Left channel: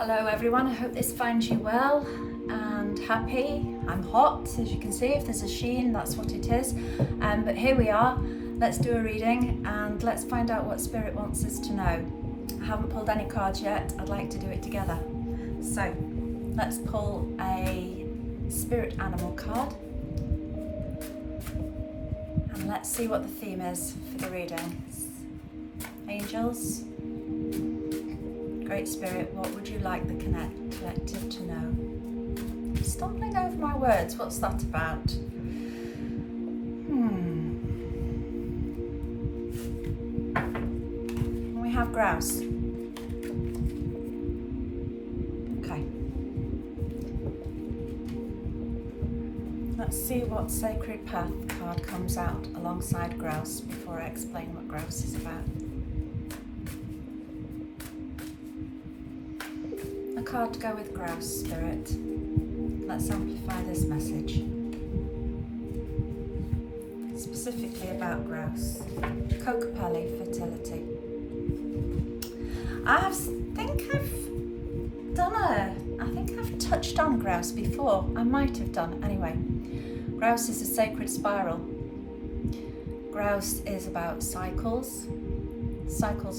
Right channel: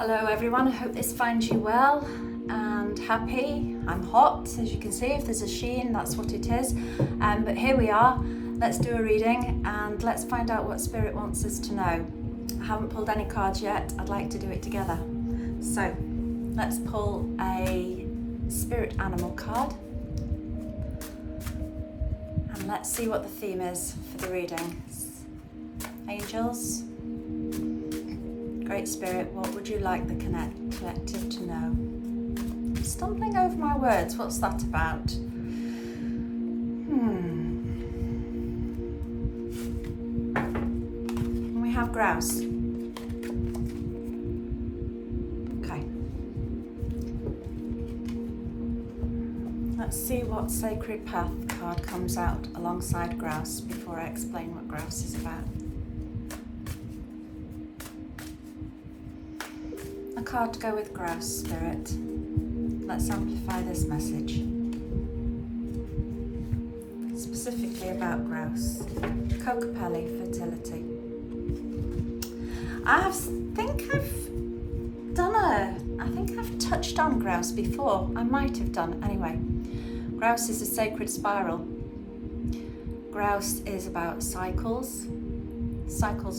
Hello everyone, I hope this finds you well and happy. I'm hot, as you can see. If there's a sheen, that's what it is. But here we are. Let's do a reading and let's find out what Spirit wants us to know. I haven't pulled any cards yet. I'd like to do it together. So let's pull a spirit animal card and let's see what the theme is for the reading. Angels, Great Spirit, what would you like the collective to know? Stumbling over my words, what's that about? We have grouse. Okay. Let's see what Sacred Path card comes out alongside grouse before I explain what grouse is about. A card to go with grouse, Spirit. Let's amplify this message. Specifically about grouse. Kokopelli, fertility. I think I've touched on grouse before. I might have done. Anyway, grouse is a sacred spiral. Grouse is about cycles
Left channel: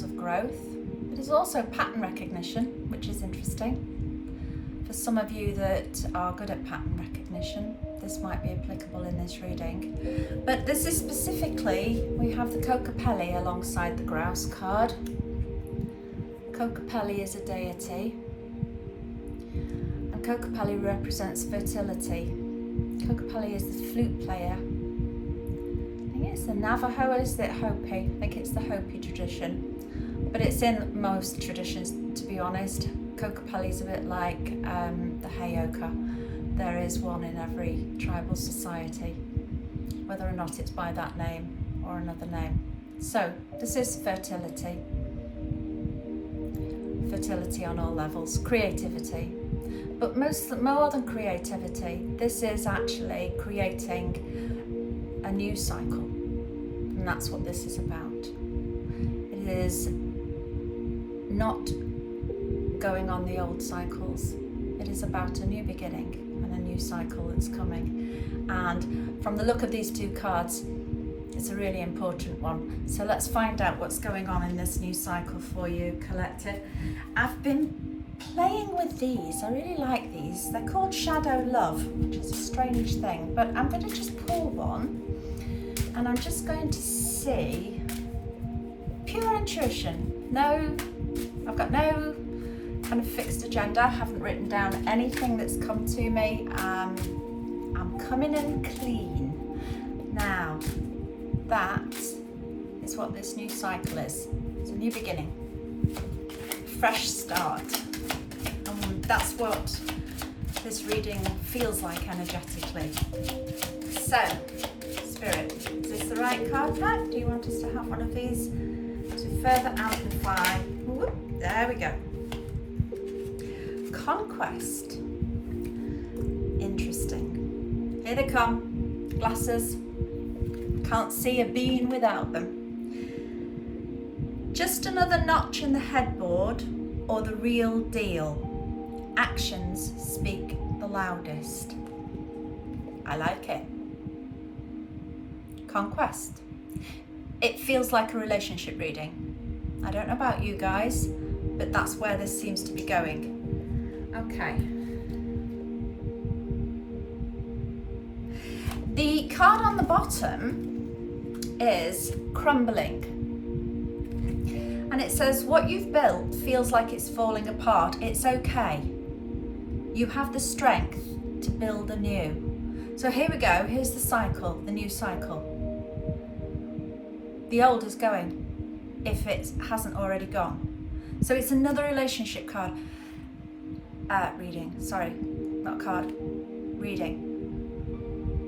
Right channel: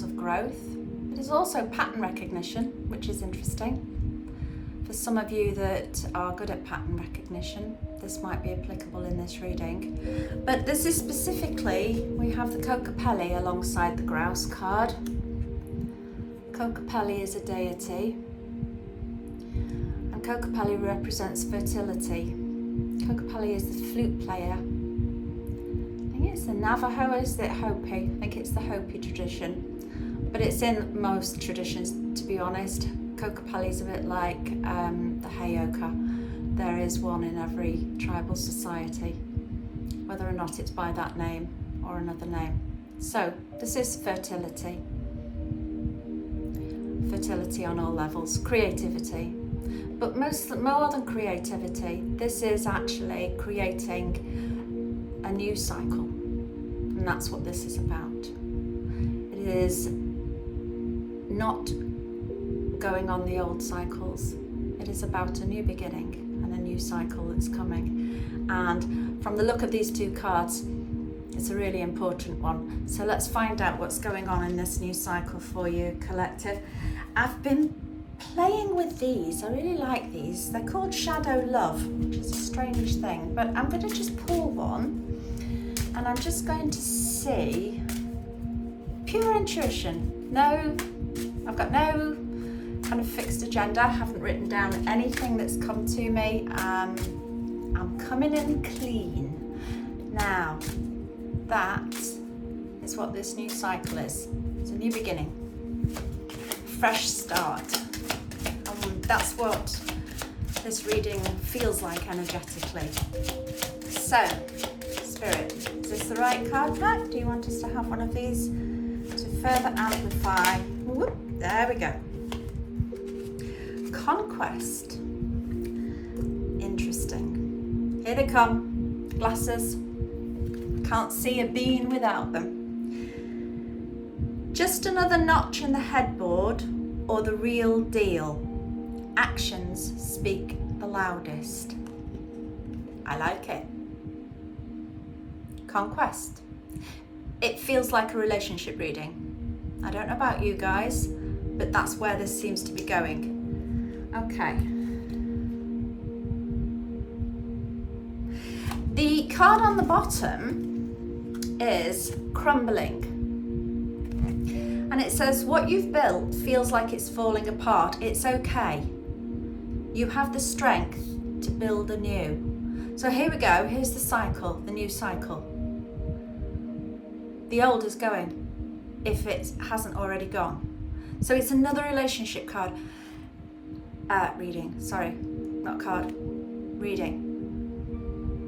of growth. It is also pattern recognition, which is interesting. For some of you that are good at pattern recognition, this might be applicable in this reading. But this is specifically, we have the Kokopelli alongside the grouse card. Kokopelli is a deity, and Kokopelli represents fertility. Kokopelli is the flute player. I think it's the Navajo, is it Hopi? I think it's the Hopi tradition. But it's in most traditions, to be honest. Kokopelli is a bit like the Heyoka. There is one in every tribal society, whether or not it's by that name or another name. So this is fertility. Fertility on all levels, creativity. But more than creativity, this is actually creating a new cycle. And that's what this is about. It is not going on the old cycles. It is about a new beginning and a new cycle that's coming. And from the look of these two cards, it's a really important one. So let's find out what's going on in this new cycle for you, collective. I've been playing with these. I really like these. They're called Shadow Love, which is a strange thing, but I'm going to just pull one and I'm just going to see pure intuition. No, I've got no kind of fixed agenda. I haven't written down anything that's come to me. I'm coming in clean. Now, that is what this new cycle is. It's a new beginning, fresh start. And that's what this reading feels like energetically. So, Spirit, is this the right card pack? Do you want us to have one of these to further amplify? Whoop, there we go. Conquest. Interesting. Here they come. Glasses. Can't see a bean without them. Just another notch in the headboard or the real deal? Actions speak the loudest. I like it. Conquest. It feels like a relationship reading. I don't know about you guys, but that's where this seems to be going. Okay. The card on the bottom is crumbling. And it says, what you've built feels like it's falling apart. It's okay. You have the strength to build anew. So here we go. Here's the cycle, the new cycle. The old is going, if it hasn't already gone. So it's another relationship card. Reading, sorry, not card, reading.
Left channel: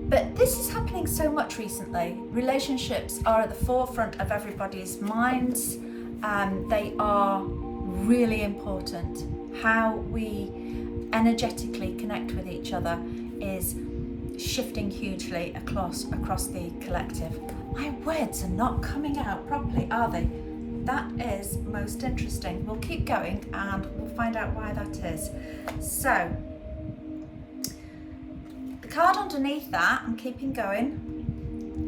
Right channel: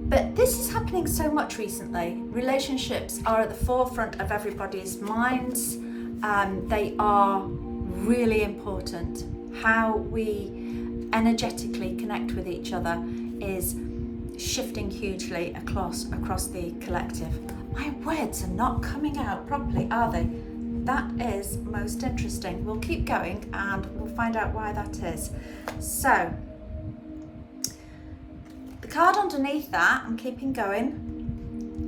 But this is happening so much recently. Relationships are at the forefront of everybody's minds. They are really important. How we energetically connect with each other is shifting hugely across the collective. My words are not coming out properly, are they? That is most interesting. We'll keep going and we'll find out why that is. So, the card underneath that, I'm keeping going.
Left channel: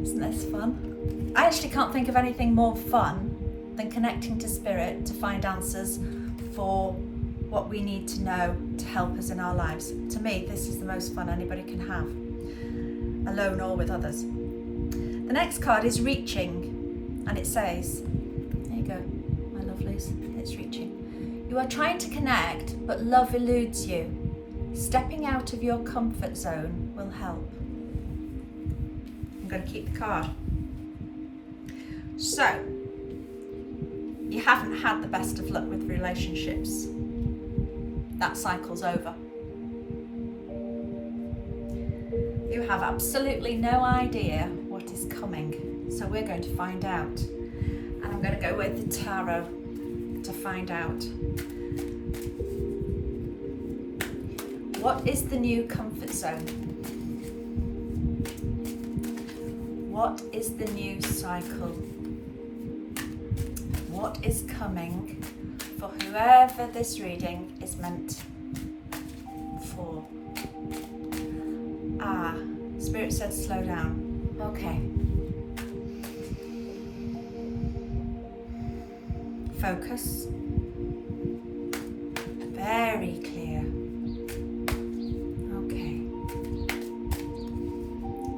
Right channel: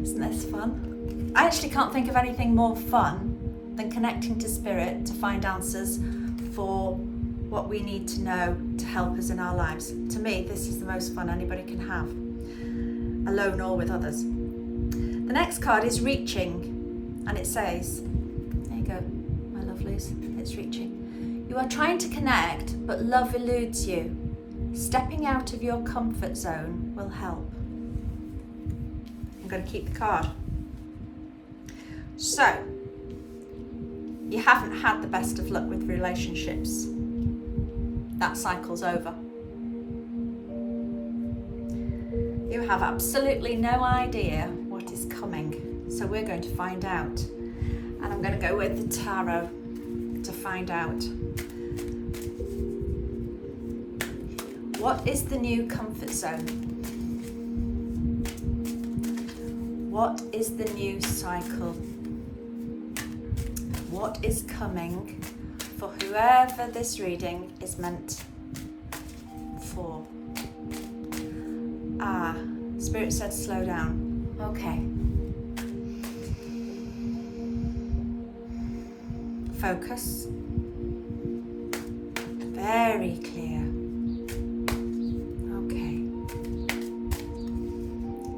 Isn't this fun? I actually can't think of anything more fun than connecting to spirit to find answers for what we need to know to help us in our lives. To me, this is the most fun anybody can have, alone or with others. The next card is reaching, and it says, there you go, my lovelies, it's reaching. You are trying to connect, but love eludes you. Stepping out of your comfort zone will help. I'm going to keep the card. So, you haven't had the best of luck with relationships. That cycle's over. You have absolutely no idea what is coming. So we're going to find out. And I'm going to go with the tarot to find out. What is the new comfort zone? What is the new cycle? What is coming for whoever this reading is meant for? Spirit said slow down. Okay. Focus. Very clear. Okay.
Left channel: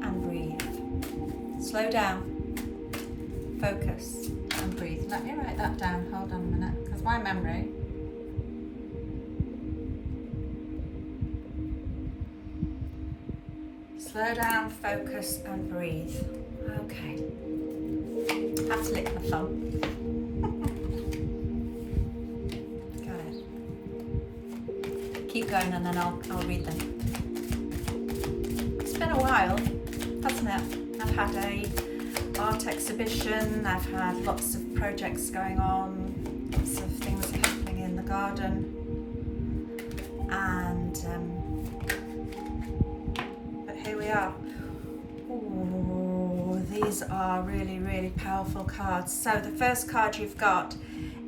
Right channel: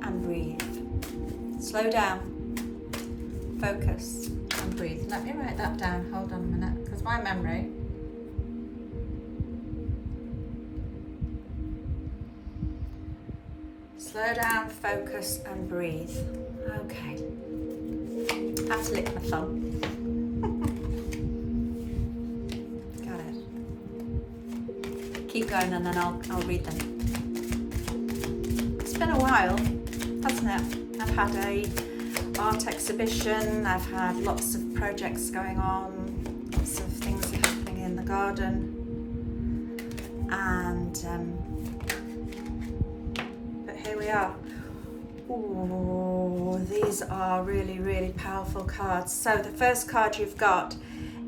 And breathe. Slow down. Focus. And breathe. Let me write that down. Hold on a minute, because my memory. Slow down, focus, and breathe. Okay. Have to lick my thumb. Got it. Keep going, and then I'll read them. It's been a while, hasn't it? I've had a art exhibition, I've had lots of projects going on, lots of things happening in the garden, and but here we are. Ooh, these are really, really powerful cards. So the first card you've got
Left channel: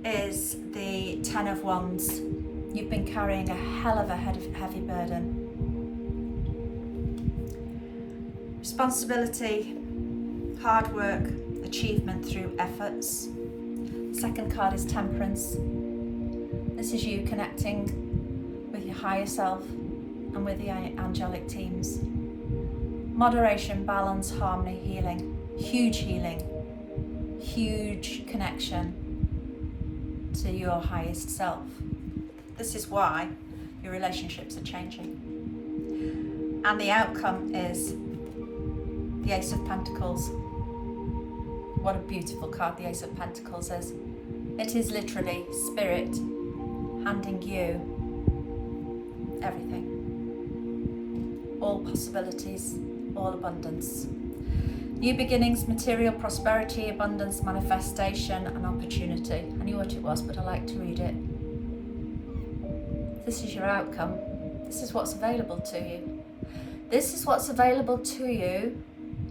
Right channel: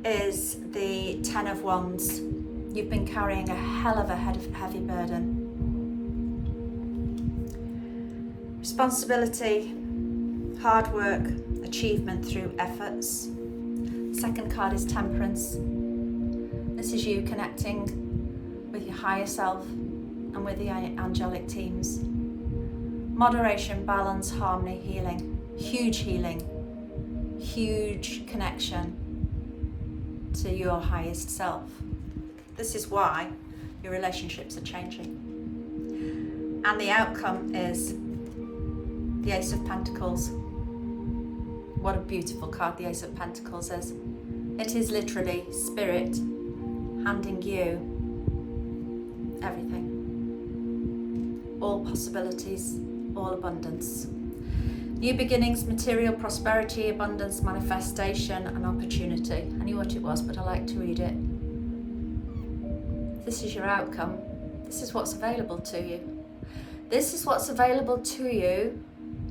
is the Ten of Wands. You've been carrying a hell of a heavy burden. Responsibility, hard work, achievement through efforts. Second card is Temperance. This is you connecting with your higher self and with the angelic teams. Moderation, balance, harmony, healing. Huge connection to your highest self. This is why your relationships are changing. And the outcome is the Ace of Pentacles. What a beautiful card the Ace of Pentacles is. It is literally Spirit handing you everything. All possibilities, all abundance. New beginnings, material prosperity, abundance, manifestation, and opportunity. I knew what it was, but I like to read it. This is your outcome. This is what's available to you. This is what's available to you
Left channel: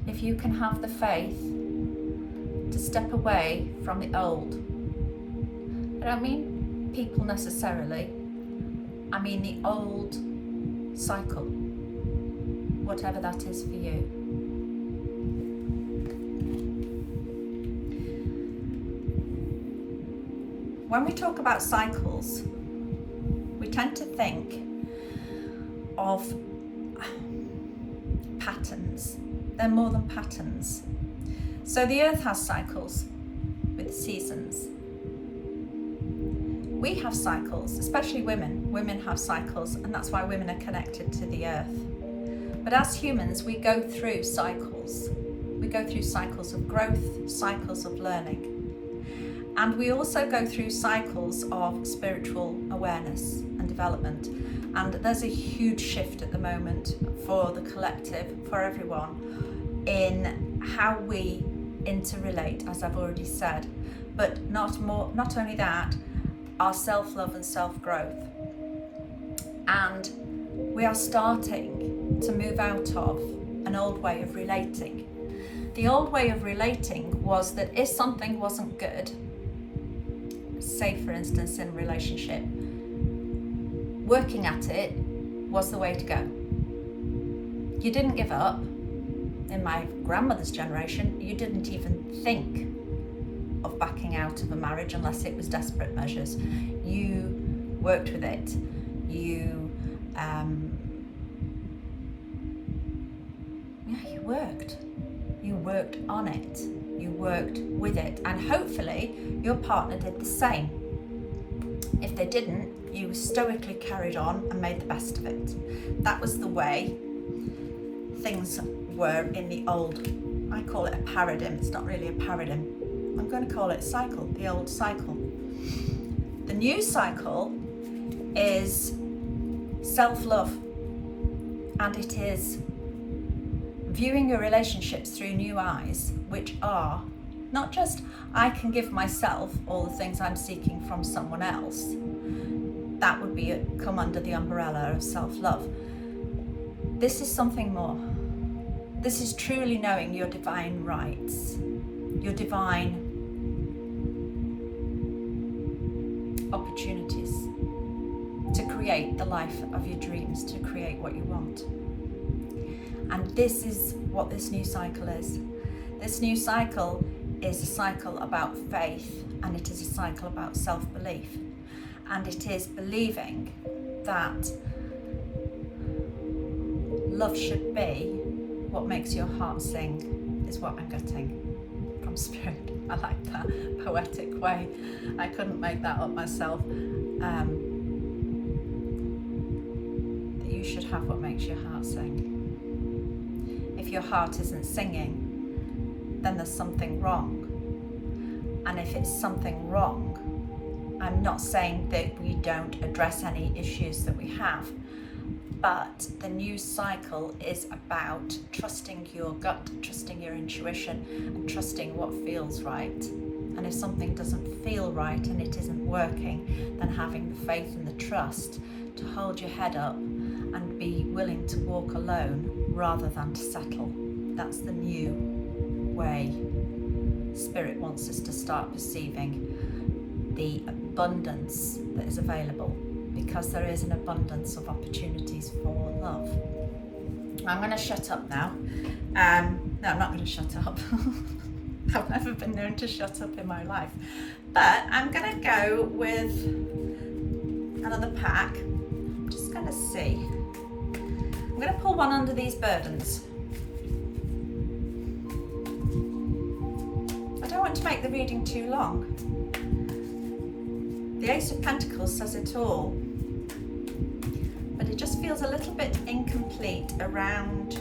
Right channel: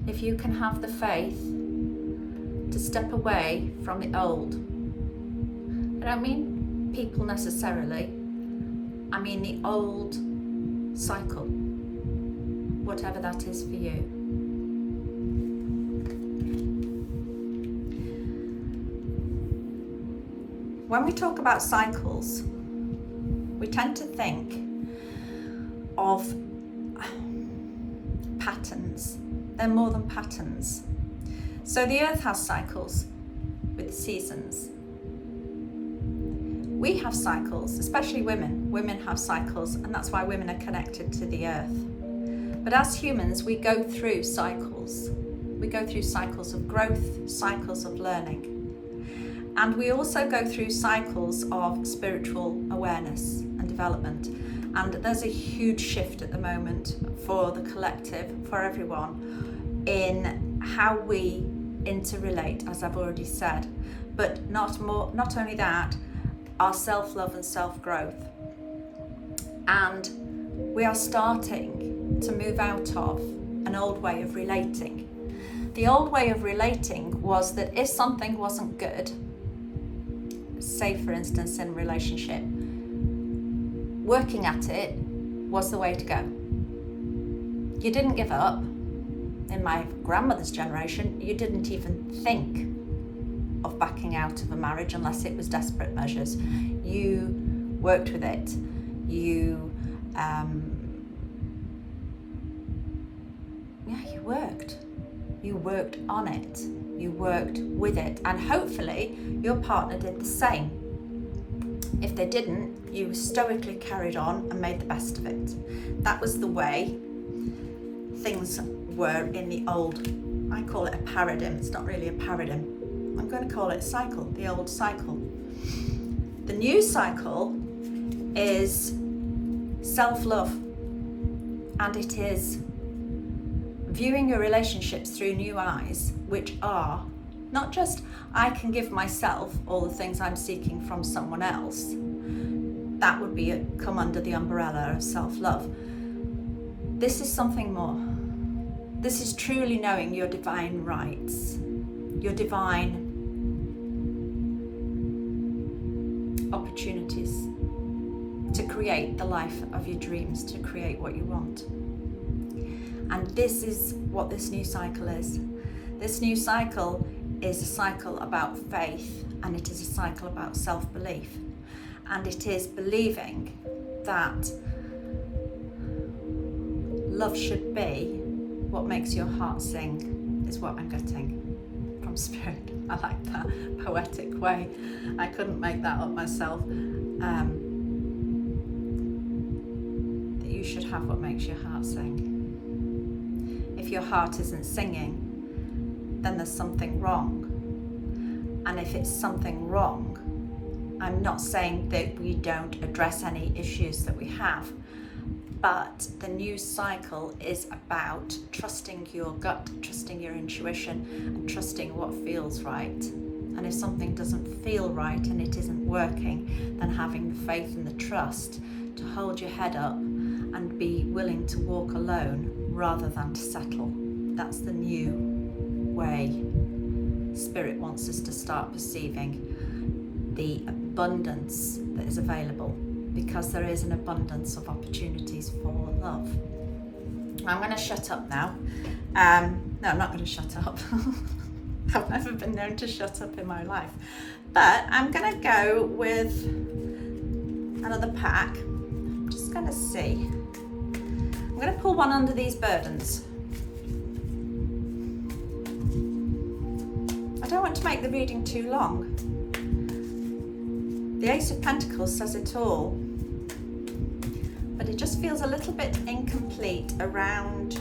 if you can have the faith to step away from the old. I don't mean people necessarily. I mean the old cycle, whatever that is for you. When we talk about cycles, we tend to think of patterns. They're more than patterns. So the earth has cycles with seasons. We have cycles, especially women. Women have cycles, and that's why women are connected to the earth. But as humans, we go through cycles. We go through cycles of growth, cycles of learning. And we also go through cycles of spiritual awareness and development. And there's a huge shift at the moment for the collective, for everyone, in how we interrelate, as I've already said. But not only that, our self-love and self-growth. And we are starting to move out of an old way of relating. The old way of relating was that if something wasn't good, say for instance in a relationship, working at it was the way to go. You didn't give up. In my grandmother's generation, you didn't even think of backing out of a marriage unless it was desperate measures. You worked with it. You worked. You worked on it. You worked with it, and hopefully your partner did the same. If they didn't, you stoically carried on and made the best of it. That was the way things were in the old, I call it a paradigm, it's not really a paradigm, I'm going to call it cycle, the old cycle. The new cycle is self-love, and it is viewing your relationships through new eyes, which are not just I can give myself all the things I'm seeking from someone else. That would be come under the umbrella of self-love. This is something more. This is truly knowing your divine rights, your divine opportunities to create the life of your dreams, to create what you want. And this is what this new cycle is. This new cycle is a cycle about faith, and it is a cycle about self-belief. And it is believing that love should be what makes your heart sing, is what I'm getting from Spirit. I like that poetic way. I couldn't make that up myself. That you should have what makes your heart sing. If your heart isn't singing, then there's something wrong. And if it's something wrong, I'm not saying that we don't address any issues that we have, but the new cycle is about trusting your gut, trusting your intuition, and trusting what feels right. And if something doesn't feel right and it isn't working, then having the faith and the trust to hold your head up and be willing to walk alone rather than to settle. That's the new way Spirit wants us to start perceiving the abundance that is available, because there is an abundance of opportunities for love. I'm going to shut up now. No, I'm not going to shut up. I've never been known to shut up in my life. But I'm going to go with another pack. I'm just going to see. I'm going to pull one under these burdens. I don't want to make the reading too long. The Ace of Pentacles says it all, but it just feels a little bit incomplete around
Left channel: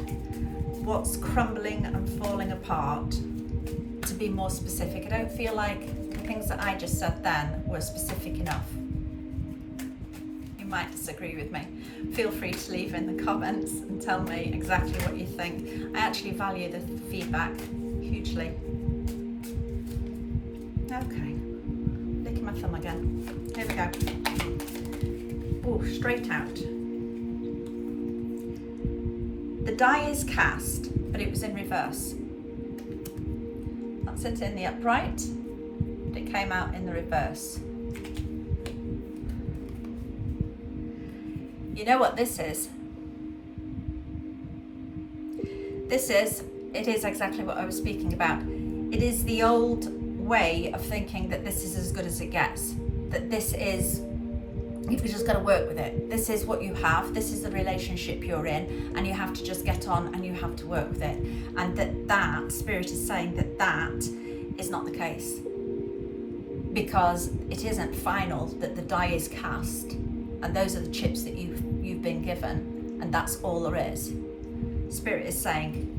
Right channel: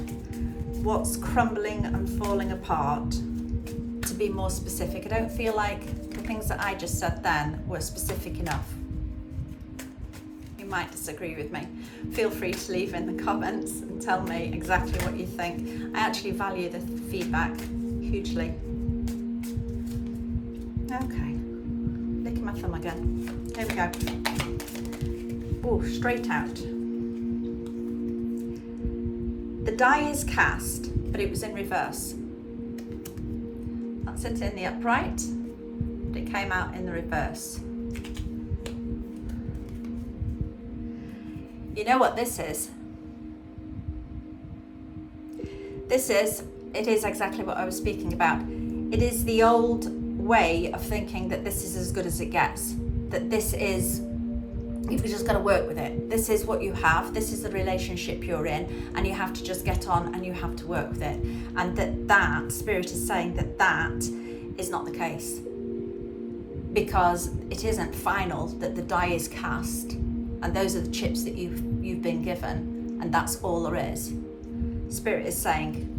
what's crumbling and falling apart. To be more specific, I don't feel like the things that I just said then were specific enough. You might disagree with me. Feel free to leave in the comments and tell me exactly what you think. I actually value the feedback hugely. Okay, licking my thumb again. Here we go. Oh, straight out. The die is cast, but it was in reverse. That's it in the upright, but it came out in the reverse. You know what this is? It is exactly what I was speaking about. It is the old way of thinking that this is as good as it gets. That this is, you've just got to work with it. This is what you have. This is the relationship you're in, and you have to just get on and you have to work with it. And that Spirit is saying that is not the case, because it isn't final, that the die is cast, and those are the chips that you've been given, and that's all there is. Spirit is saying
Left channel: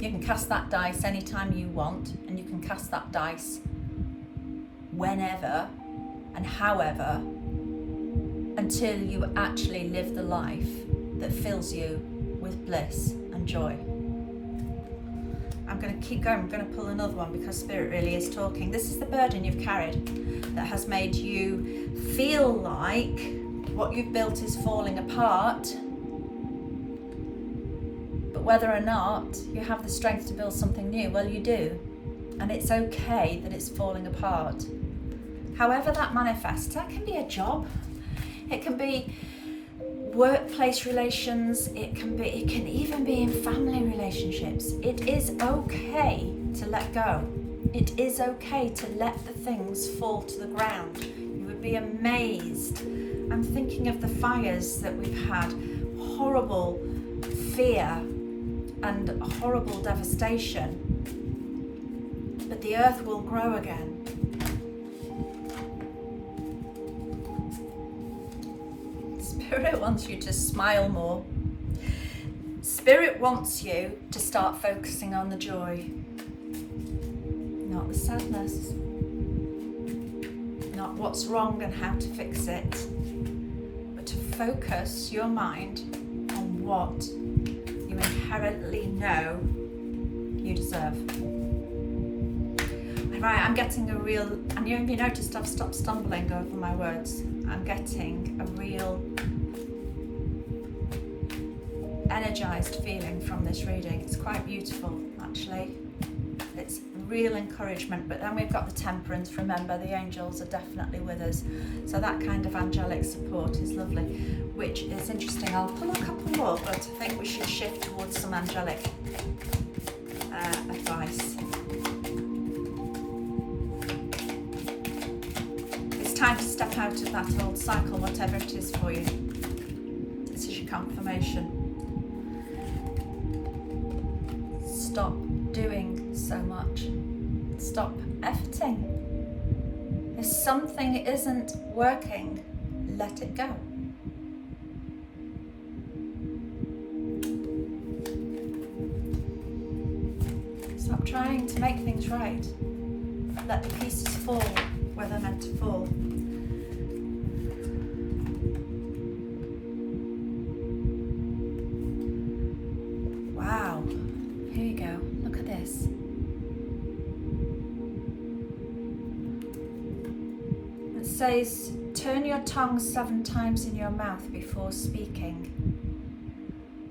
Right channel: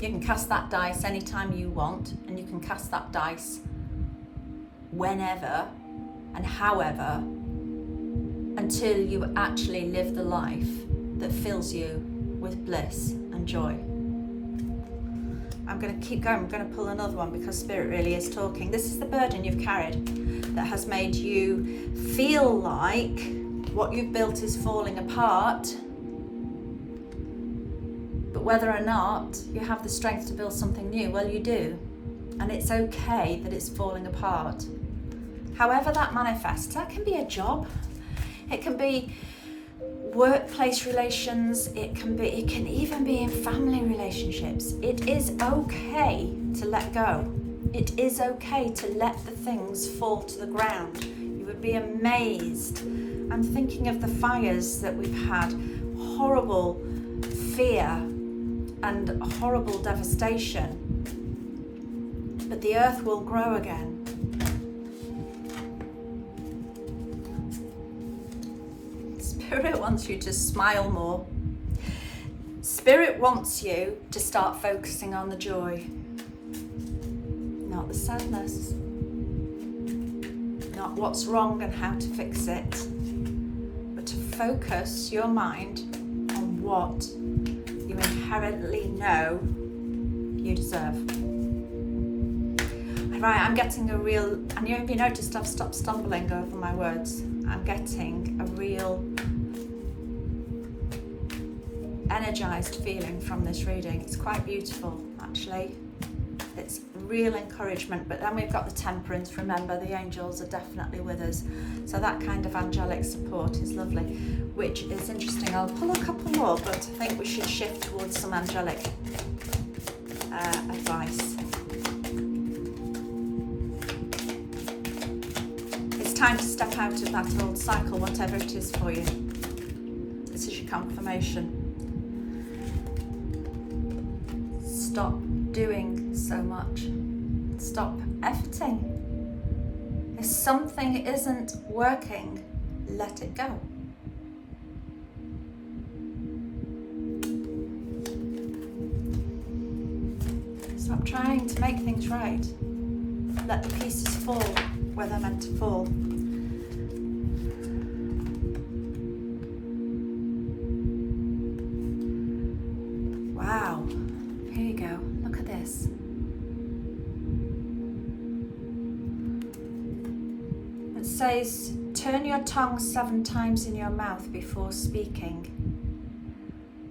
you can cast that dice anytime you want, and you can cast that dice whenever and however, until you actually live the life that fills you with bliss and joy. I'm going to keep going. I'm going to pull another one because Spirit really is talking. This is the burden you've carried that has made you feel like what you've built is falling apart, but whether or not you have the strength to build something new, well, you do. And it's okay that it's falling apart. however that manifests. That can be a job, it can be workplace relations, it can even be in family relationships. It is okay to let go. It is okay to let the things fall to the ground. You would be amazed. I'm thinking of the fires that we've had, horrible fear and horrible devastation. But the earth will grow again. Spirit wants you to smile more. Spirit wants you to start focusing on the joy, not the sadness, not what's wrong and how to fix it, but to focus your mind on what you inherently know you deserve. Right, I'm getting a real, and you noticed I've stopped stumbling over my words. I'm getting a real energized feeling from this reading. It's quite beautiful, actually. It's real encouragement, but then we've got the temperance. Remember, the angels are definitely with us. So that kind of angelic support is lovely, which is interesting. I'll pull a couple more, but I think we should shift towards some angelic advice. It's time to step out of that old cycle, whatever it is for you. This is your confirmation. Stop doing so much. Stop efforting. If something isn't working, let it go. Stop trying to make things right. Let the pieces fall where they're meant to fall. Wow. Here you go. Look at this. It says, turn your tongue 7 times in your mouth before speaking.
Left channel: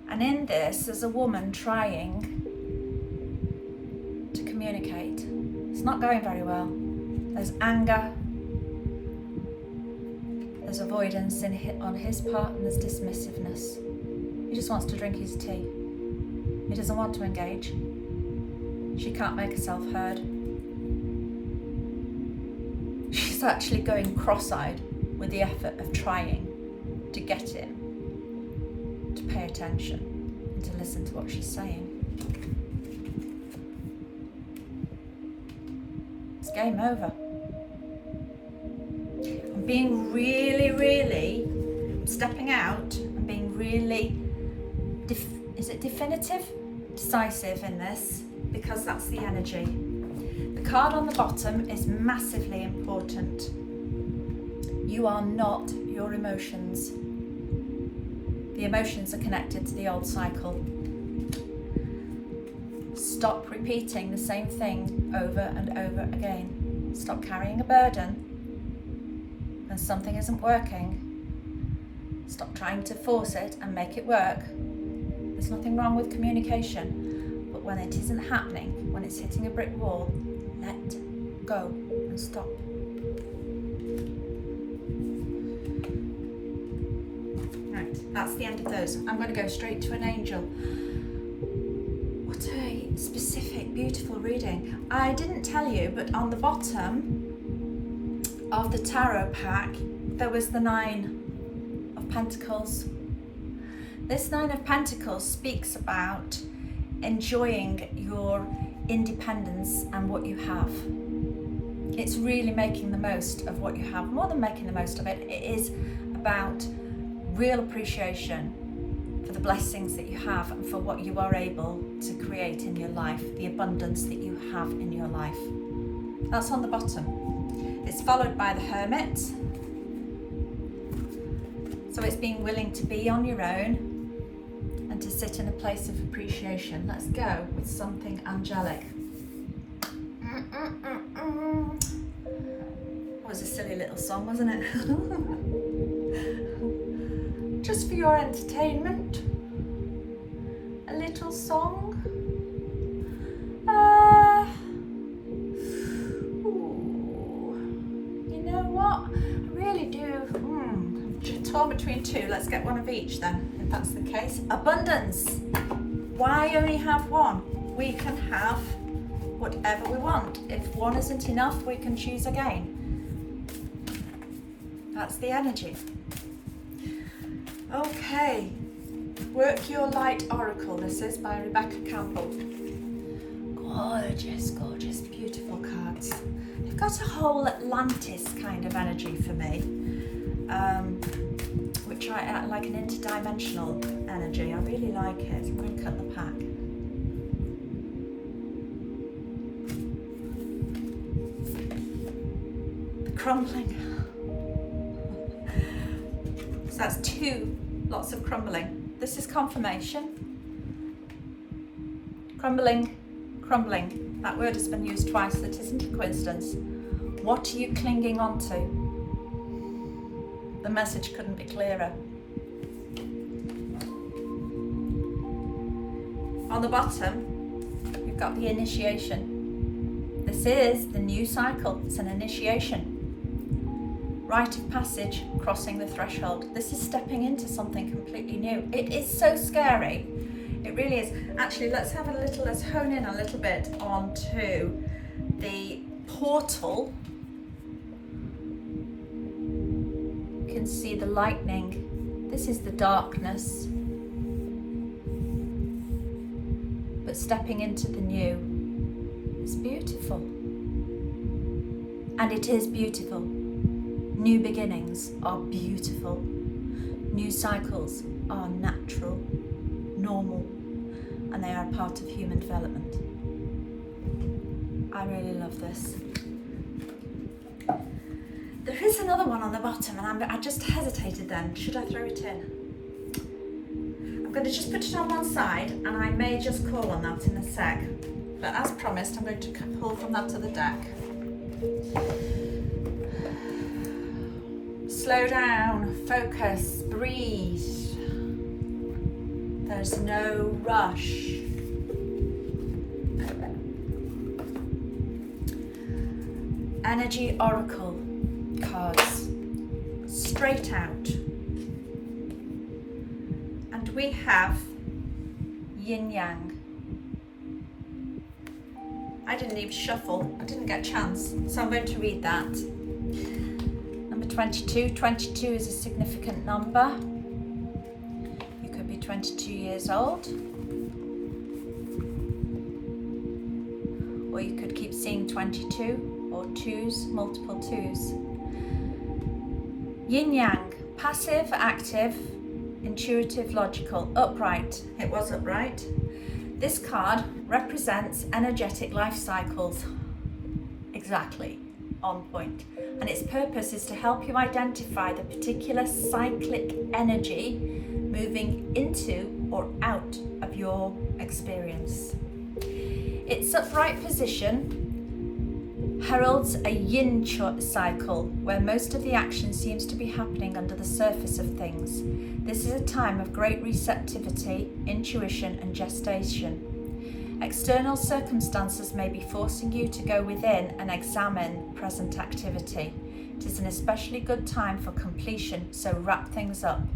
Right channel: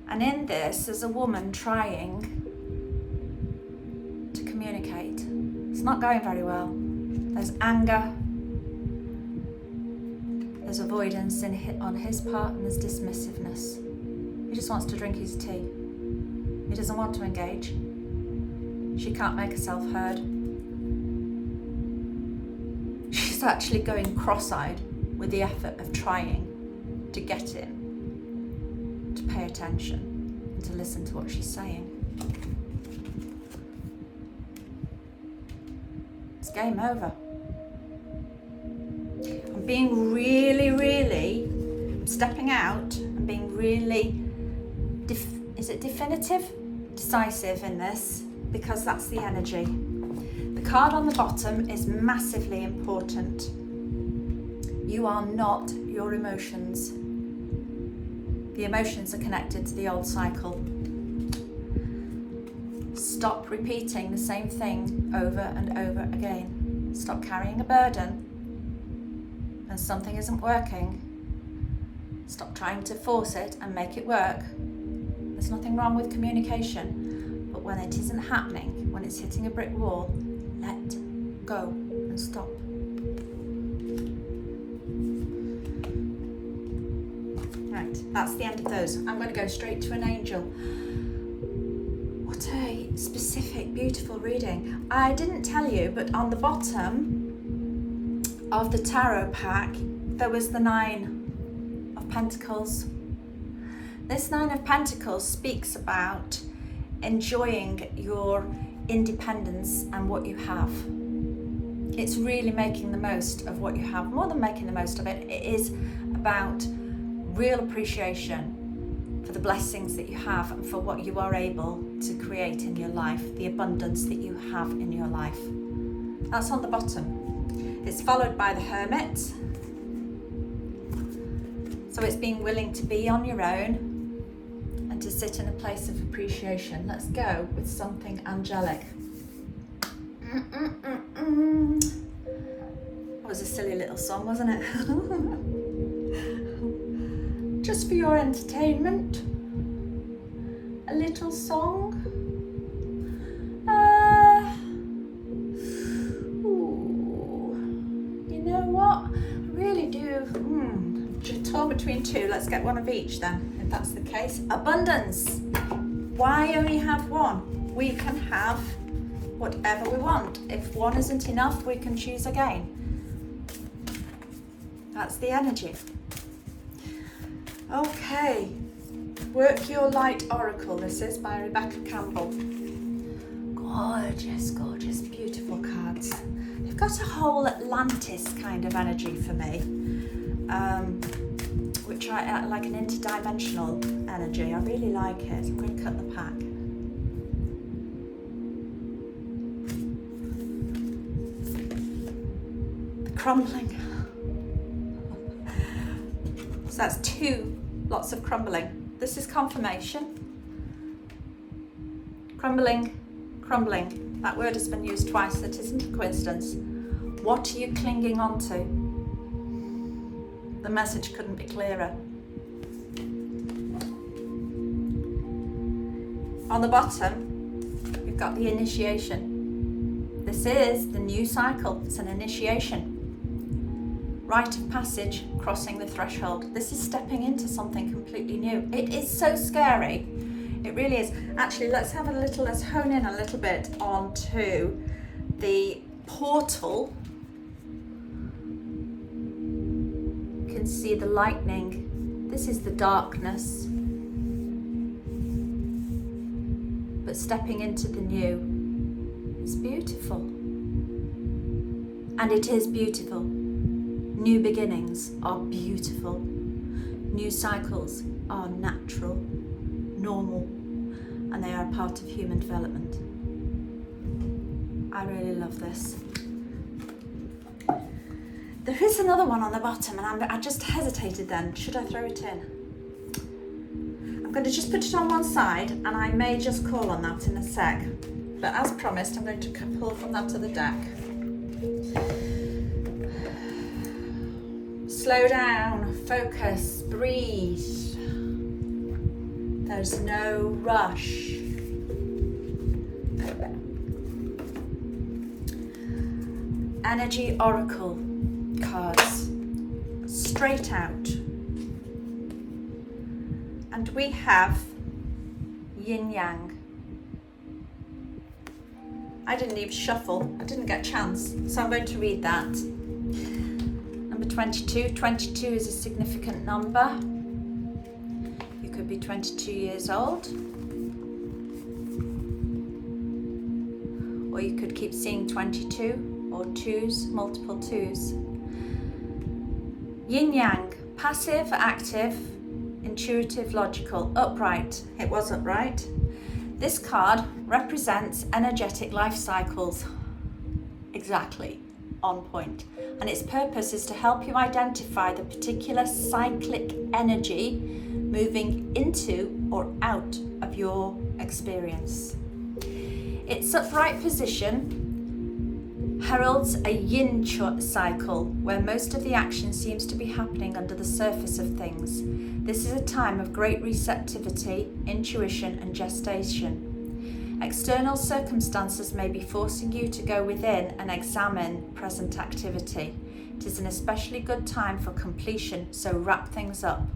And in this, there's a woman trying to communicate. It's not going very well. There's anger, there's avoidance on his part, and there's dismissiveness. He just wants to drink his tea. He doesn't want to engage. She can't make herself heard. She's actually going cross-eyed with the effort of trying to get him to pay attention and to listen to what she's saying. It's game over. I'm being really, stepping out and being really, is it definitive? Decisive in this, because that's the energy. The card on the bottom is massively important. You are not your emotions. The emotions are connected to the old cycle. Stop repeating the same thing over and over again. Stop carrying a burden when something isn't working. Stop trying to force it and make it work. There's nothing wrong with communication, but when it isn't happening, when it's hitting a brick wall, let go and stop. Right, that's the end of those. I'm going to go straight to an angel. What a specific, beautiful reading. I didn't tell you, but on the bottom of the tarot pack, there was the 9 of Pentacles. This 9 of Pentacles speaks about enjoying your independence and what you have. It's really making the most of what you have. More than making the most of it, it is about real appreciation for the blessings that you have and for what you are able to create in your life, the abundance that you have in your life. That's on the bottom. It's followed by the Hermit. So it's being willing to be on your own and to sit in a place of appreciation. Let's go with something angelic. That was a silly little song, wasn't it? Just for your entertainment. A little song. You know between two. Let's get one of each then, if that's the case. Abundance. Why only have one? We can have whatever we want. If one isn't enough, we can choose again. That's the energy. Okay. Work Your Light Oracle. This is by Rebecca Campbell. Gorgeous, gorgeous, beautiful cards. They've got a whole Atlantis kind of energy for me, which I like, an interdimensional energy. I really like it. I'm going to cut the pack. The crumbling. So that's two, lots of crumbling. This is confirmation. Crumbling, crumbling. That word has been used twice. That isn't a coincidence. What are you clinging on to? The message couldn't be clearer. On the bottom, we've got the initiation. This is the new cycle. It's an initiation. Rite of passage, crossing the threshold. This is stepping into something completely new. It is so scary. It really is. Actually, let's hone in a little bit onto the portal. You can see the lightning. This is the darkness. But stepping into the new is beautiful. And it is beautiful. New beginnings are beautiful. New cycles are natural, normal, and they are a part of human development. I really love this. There is another one on the bottom, and I just hesitated then. Should I throw it in? I'm going to just put it on one side, and I may just call on that in a sec. But as promised, I'm going to pull from that other deck. Slow down, focus, breathe. There's no rush. Energy Oracle cards, straight out. And we have Yin Yang. I didn't even shuffle, I didn't get a chance, so I'm going to read that. Number 22. 22 is a significant number. You could be 22 years old. Or you could keep seeing 22 or twos, multiple twos. Yin Yang, passive, active, intuitive, logical, upright. It was upright. This card represents energetic life cycles. Exactly, on point. And its purpose is to help you identify the particular cyclic energy moving into or out of your experience. Its upright position heralds a yin cycle where most of the action seems to be happening under the surface of things. This is a time of great receptivity, intuition, and gestation. External circumstances may be forcing you to go within and examine present activity. It is an especially good time for completion, so wrap things up.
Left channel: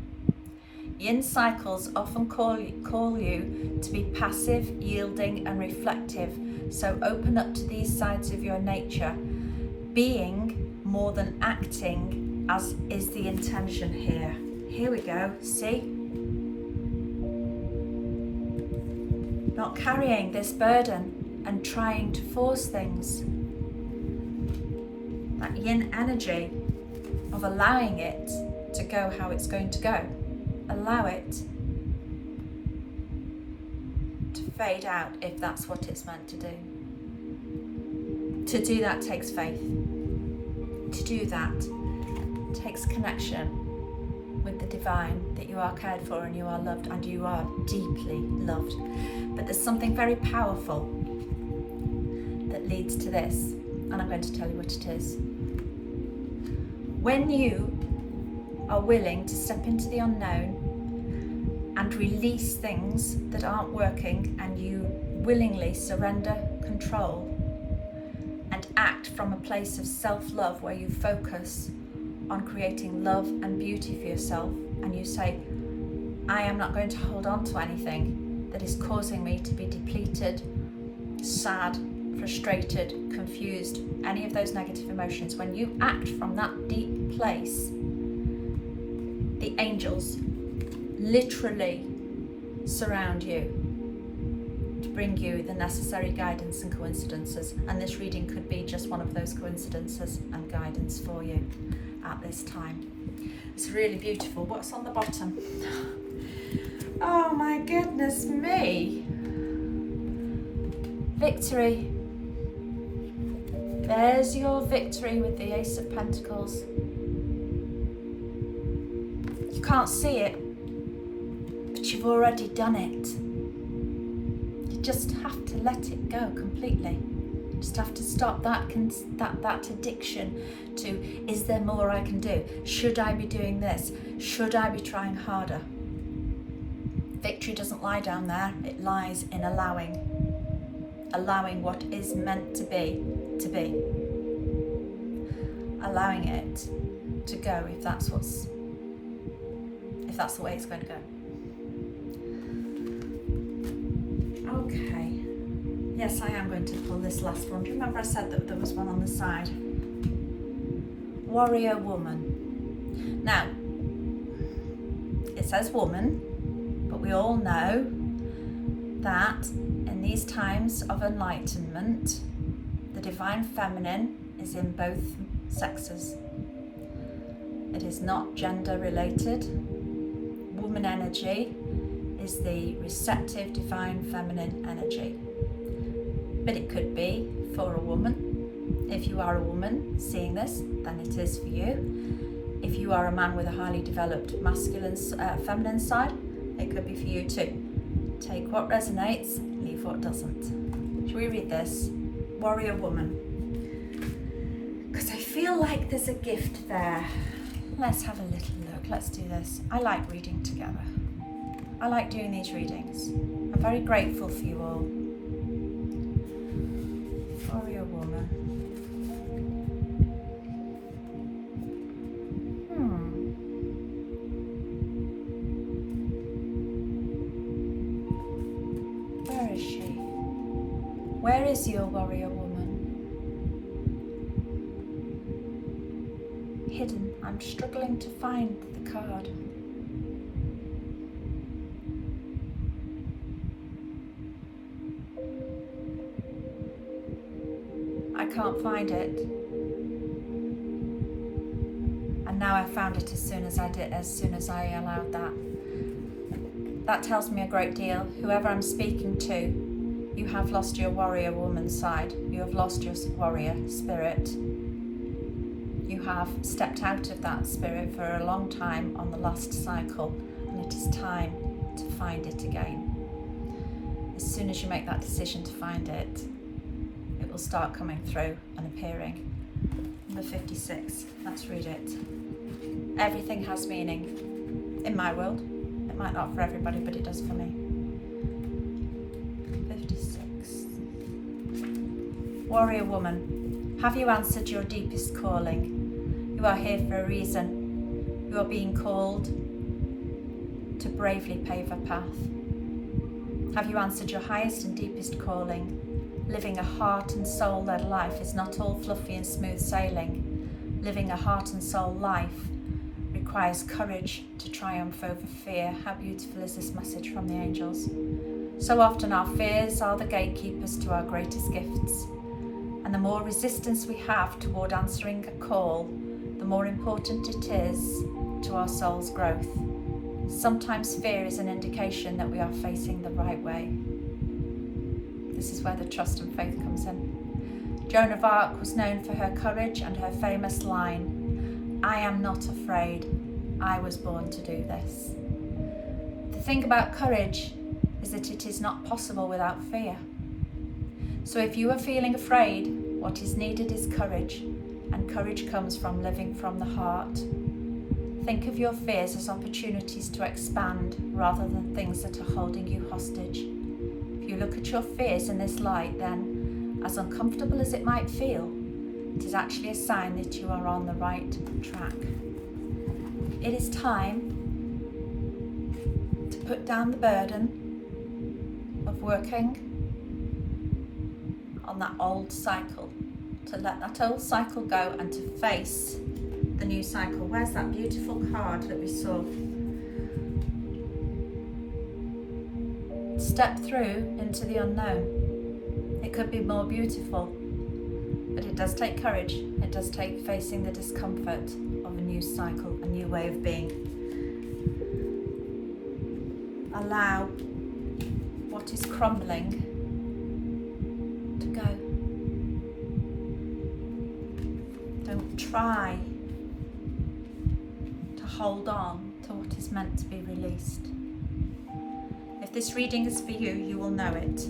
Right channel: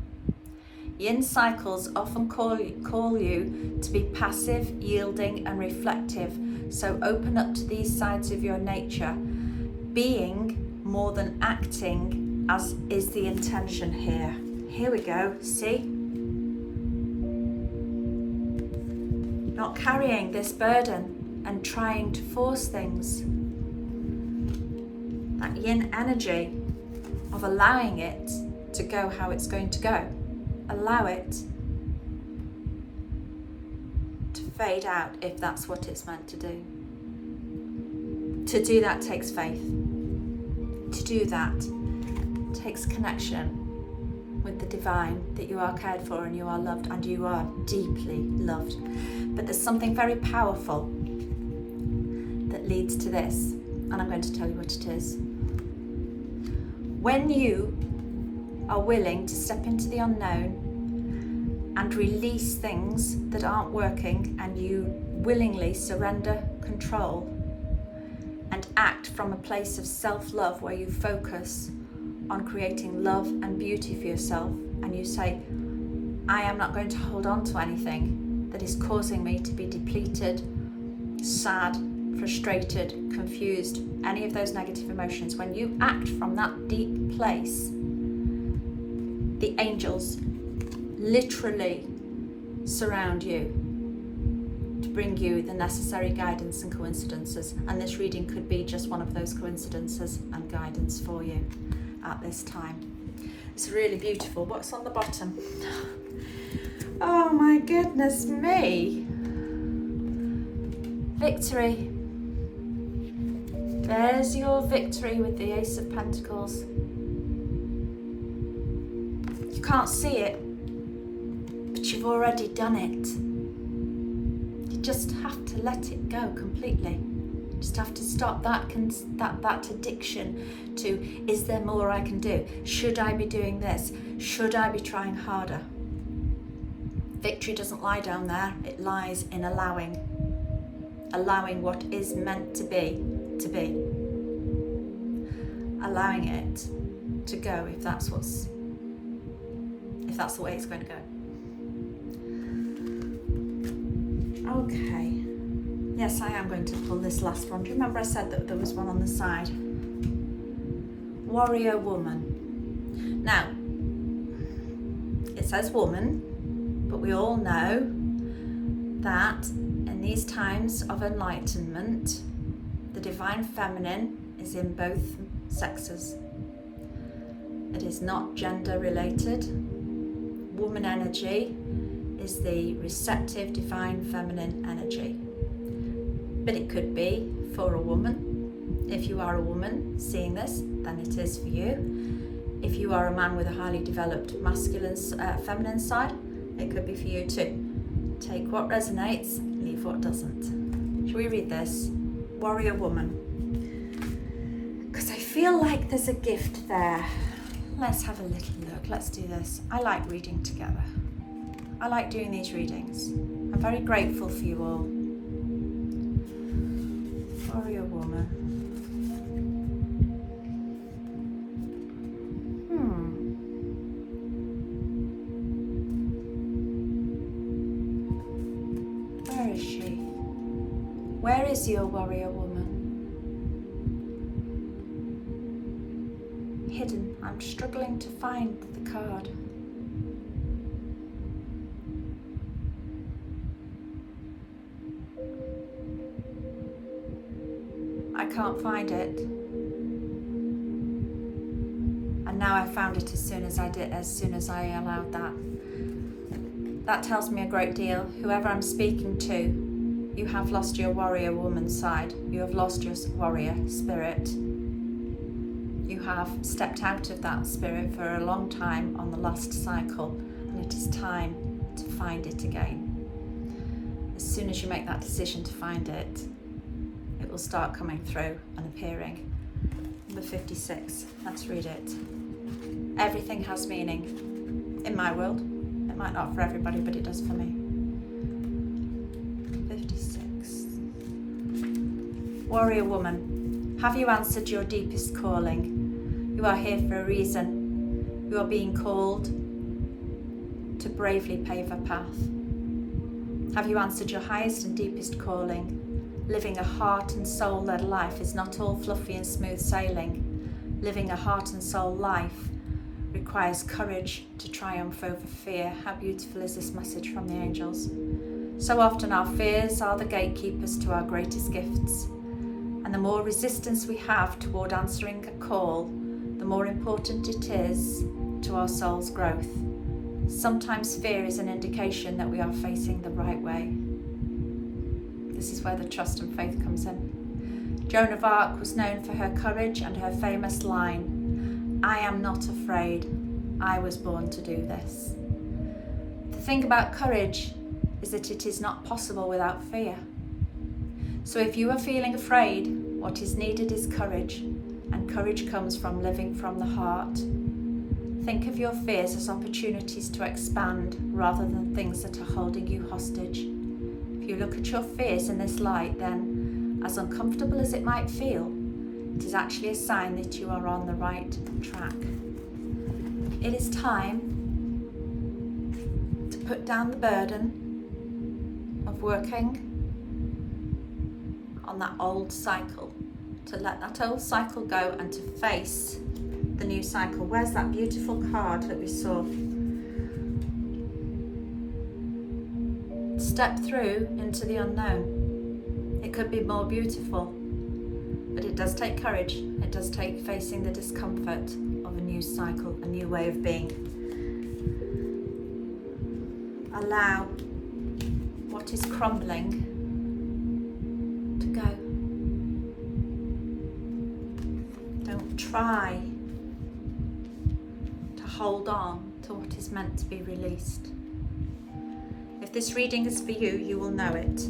Yin cycles often call you to be passive, yielding, and reflective, so open up to these sides of your nature. Being more than acting, as is the intention here. Here we go, see? Not carrying this burden and trying to force things. That yin energy of allowing it to go how it's going to go. Allow it to fade out if that's what it's meant to do. To do that takes faith. To do that takes connection with the divine, that you are cared for and you are loved and you are deeply loved. But there's something very powerful that leads to this, and I'm going to tell you what it is. When you are willing to step into the unknown and release things that aren't working, and you willingly surrender control and act from a place of self-love where you focus on creating love and beauty for yourself, and you say, I am not going to hold on to anything that is causing me to be depleted, sad, frustrated, confused, any of those negative emotions. When you act from that deep place, the angels literally surround you to bring you the necessary guidance and coincidences. And this reading could be just one of those coincidences and guidance for you at this time. It's really beautiful. What's on the bottom? Oh my goodness me. Victory. There's your victory with the Ace of Pentacles. You can't see it, but you've already done it. You just have to let it go completely. You just have to stop that addiction to, is there more I can do? Should I be doing this? Should I be trying harder? Victory doesn't lie down there. It lies in allowing what is meant to be, allowing it to go if that's the way it's going to go. Okay. Yes, I am going to pull this last one. Do you remember I said that there was one on the side? Warrior woman. Now, it says woman, but we all know that in these times of enlightenment, the divine feminine is in both sexes. It is not gender related. Woman energy is the receptive divine feminine energy. But it could be for a woman. If you are a woman seeing this, then it is for you. If you are a man with a highly developed masculine, feminine side, it could be for you too. Take what resonates, leave what doesn't. Shall we read this? Warrior woman. Because I feel like there's a gift there. Let's have a little look. Let's do this. I like reading together. I like doing these readings. I'm very grateful for you all. Warrior woman. Where is she? Where is your warrior woman? Hidden. I'm struggling to find the card. I can't find it. And now I found it as soon as I allowed that. That tells me a great deal. Whoever I'm speaking to, you have lost your warrior woman side. You have lost your warrior spirit. You have stepped out of that spirit for a long time on the last cycle, and it is time to find it again. As soon as you make that decision to find it, it will start coming through and appearing. Number 56, let's read it. Everything has meaning in my world. It might not for everybody, but it does for me. 56. Warrior woman, have you answered your deepest calling? You are here for a reason. You are being called to bravely pave a path. Have you answered your highest and deepest calling? Living a heart and soul-led life is not all fluffy and smooth sailing. Living a heart and soul life requires courage to triumph over fear. How beautiful is this message from the angels? So often our fears are the gatekeepers to our greatest gifts. And the more resistance we have toward answering a call, the more important it is to our soul's growth. Sometimes fear is an indication that we are facing the right way. This is where the trust and faith comes in. Joan of Arc was known for her courage and her famous line, I am not afraid, I was born to do this. The thing about courage is that it is not possible without fear. So if you are feeling afraid, what is needed is courage, and courage comes from living from the heart. Think of your fears as opportunities to expand rather than things that are holding you hostage. If you look at your fears in this light, then, as uncomfortable as it might feel, it is actually a sign that you are on the right track. It is time put down the burden of working on that old cycle, to let that old cycle go and to face the new cycle. Where's that beautiful card that we saw? Step through into the unknown. It could be more beautiful, but it does take courage. It does take facing the discomfort of a new cycle, a new way of being. Allow what is crumbling to go. Don't try to hold on to what is meant to be released. If this reading is for you, you will know it.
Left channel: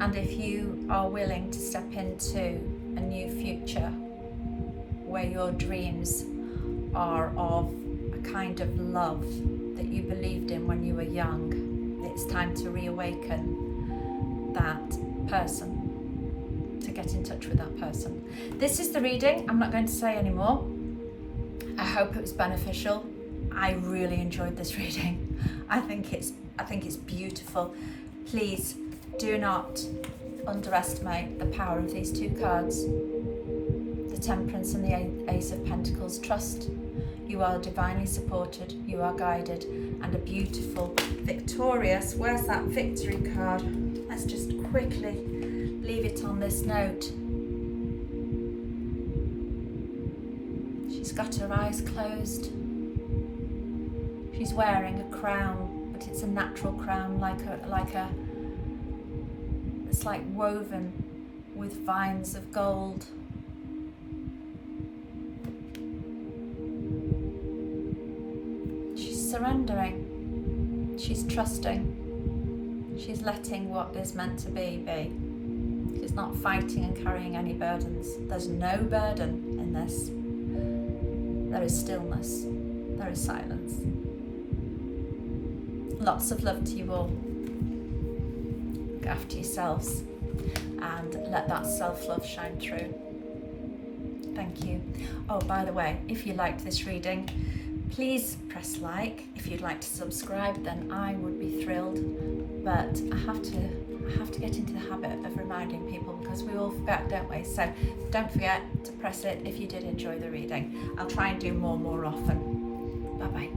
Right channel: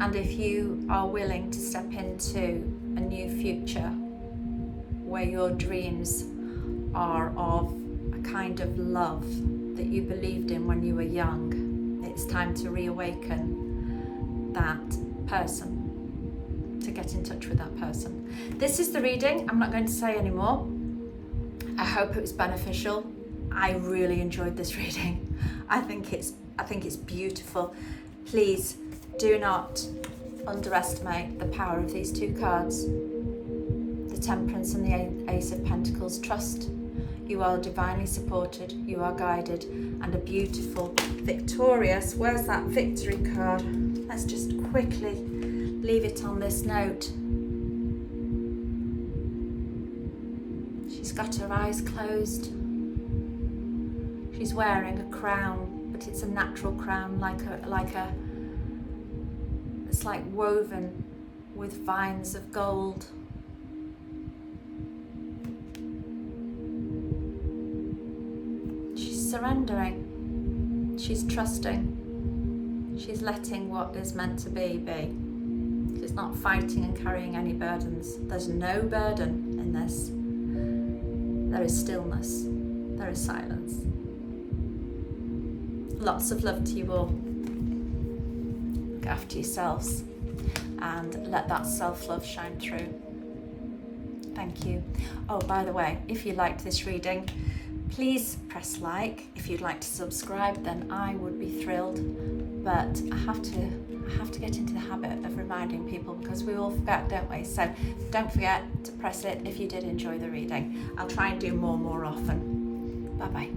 And if you are willing to step into a new future where your dreams are of a kind of love that you believed in when you were young, it's time to reawaken that person, to get in touch with that person. This is the reading. I'm not going to say any more. I hope it was beneficial. I really enjoyed this reading. I think it's beautiful. Please do not underestimate the power of these two cards, the Temperance and the Ace of Pentacles. Trust. You are divinely supported, you are guided, and a beautiful, victorious, where's that victory card? Let's just quickly leave it on this note. She's got her eyes closed. She's wearing a crown, but it's a natural crown, it's like woven with vines of gold. She's surrendering. She's trusting. She's letting what is meant to be. She's not fighting and carrying any burdens. There's no burden in this. There is stillness. There is silence. Lots of love to you all. Look after yourselves and let that self-love shine through. Thank you. Oh, by the way, if you liked this reading, please press like. If you'd like to subscribe, then I would be thrilled. But I have to get into the habit of reminding people, because we all forget, don't we? So don't forget to press it if you did enjoy the reading. I'll try and do more often. Bye bye.